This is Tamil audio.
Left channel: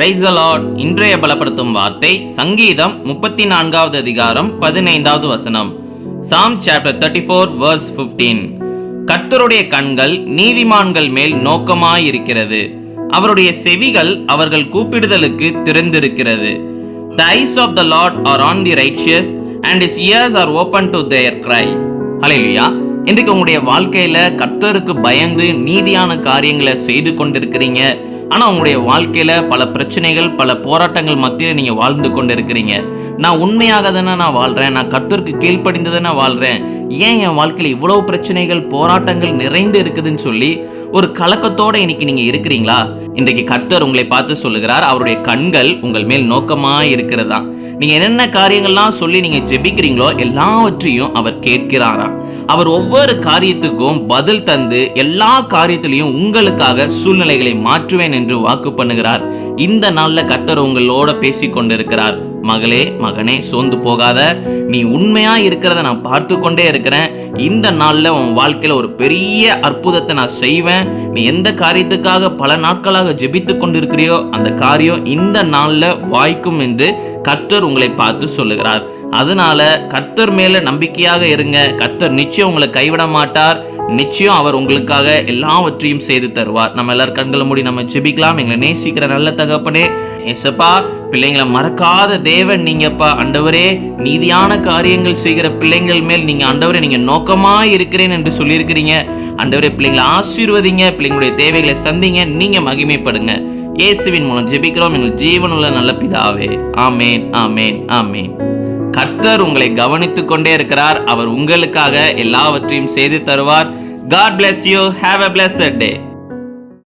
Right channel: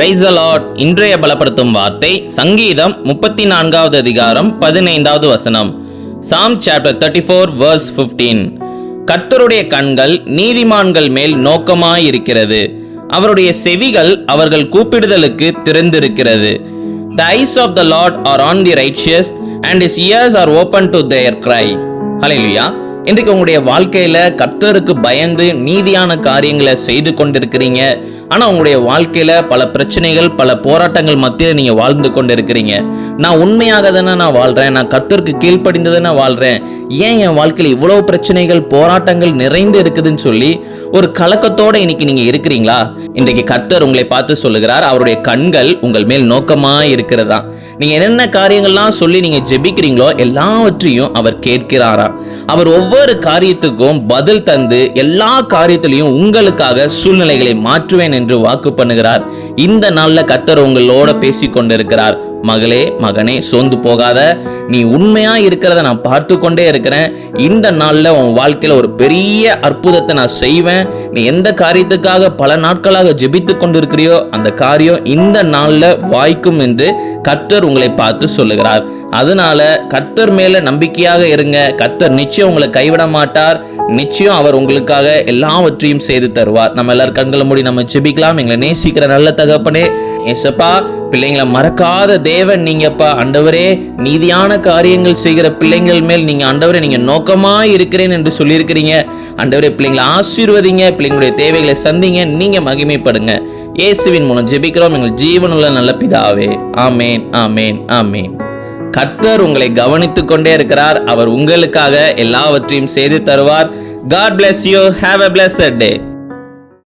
Praise the Lord. இன்றைய பலப்படுத்தும் வார்த்தை சங்கீதம் 34வது அதிகாரம் 15வது வசனம். Psalm chapter 34 verse 15. கர்த்தருடைய கண்கள் நீதிமான்கள் மேல் நோக்கமாயிருக்கிறது, அவருடைய செவிகள் அவர்கள் கூப்பிடுதலுக்கு திறந்திருக்கிறது. The eyes of the Lord are on the righteous and his ears are open to their cry. ஹல்லேலூயா. இன்றைக்கு உங்களுடைய வாழ்க்கையில கர்த்தருக்கு பயந்து நீதியான காரியங்களை செய்து கொண்டிருக்கிறீங்க. ஆனா உங்களுடைய வாழ்க்கையில பல பிரச்சனைகள், பல போராட்டங்கள் மத்தியில் நீங்க வாழ்ந்து கொண்டிருக்கிறீங்க. நான் உண்மையாக தானே நான் வாழ்றேன், நான் கர்த்தருக்கு கீழ்ப்படிந்து தானே வாழ்றேன், ஏன் என் வாழ்க்கையில இவ்வளவு பிரச்சனைகள், போராட்டங்கள் நிறைந்து இருக்குதுன்னு சொல்லி ஒரு கலக்கத்தோட இன்னைக்கு நீங்க இருக்கிறீங்களா? இன்றைக்கு கர்த்தர் உங்களை பார்த்து சொல்லுகிறார், அவருடைய கண்கள் உங்கள் மேல் நோக்கமா இருக்கிறதா. நீங்க என்னென்ன காரியங்கள்லாம் சொல்லி நீங்க ஜெபிக்கிறீங்களோ எல்லாவற்றையும் அவர் கேட்கிறாரா. அவர் ஒவ்வொரு காரியத்துக்கும் பதில் தந்து எல்லா காரியத்திலையும் உங்களுக்காக சூழ்நிலைகளை மாற்றுவேன் என்று வாக்கு பண்ணுகிறார். இந்த நாள்ல கர்த்தர் உங்களோட பேசி கொண்டிருக்கிறார். மகளே, மகனே, சோர்ந்து போகாத, நீ உண்மையா இருக்கிறத நான் பார்த்து கொண்டே இருக்கிறேன். இந்த நாள்ல உன் வாழ்க்கையில ஒரு பெரிய அற்புதத்தை நான் செய்வேன். நீ எந்த காரியத்துக்காக பல நாட்களாக ஜெபித்து கொண்டிருக்கிறியோ அந்த காரியம் இந்த நாள்ல வாய்க்கும் என்று கர்த்தர் உங்களை பார்த்து சொல்லுகிறார். அதனால கர்த்தர் மேல நம்பிக்கையாக இருங்க. கர்த்தர் நிச்சயம் உங்களை கைவிட மாட்டார். நிச்சயம் அவர் உங்களுக்காக எல்லாவற்றையும் செய்து தருவார். நம்ம எல்லாரும் கண்களை மூடி நம்ம ஜெபிக்கலாம். எங்களை நேசிக்கிற நல்ல தகப்பனே, ஏசப்பா, பிள்ளைங்களை மறக்காத தேவன் நீங்கப்பா. ஆண்டவரே, நீதியான காரியங்கள் செய்கிற பிள்ளைங்கள் மேல் நீங்க ஆண்டவரே நீங்க நோக்கமா இருக்கிறேன் என்று சொல்லியிருக்கிறீங்க. ஆண்டவரே, பிள்ளைங்களை ஆசீர்வதிங்க, பிள்ளைங்களுடைய தேவைகளை சந்திங்க, நீங்க மகிமைப்படுங்க. இயேசுவின் மூலம் ஜெபிக்கிறோம் எங்கள் ஜீவனுள்ள நல்ல பிதாவே. ஆமேன், ஆமேன், ஆமேன். கர்த்தர் உங்களை கவனித்துக் கொண்டே இருக்கிறார். அவர் உங்களுக்காக எல்லாவற்றையும் செய்து தருவார். God bless you. Have a blessed day.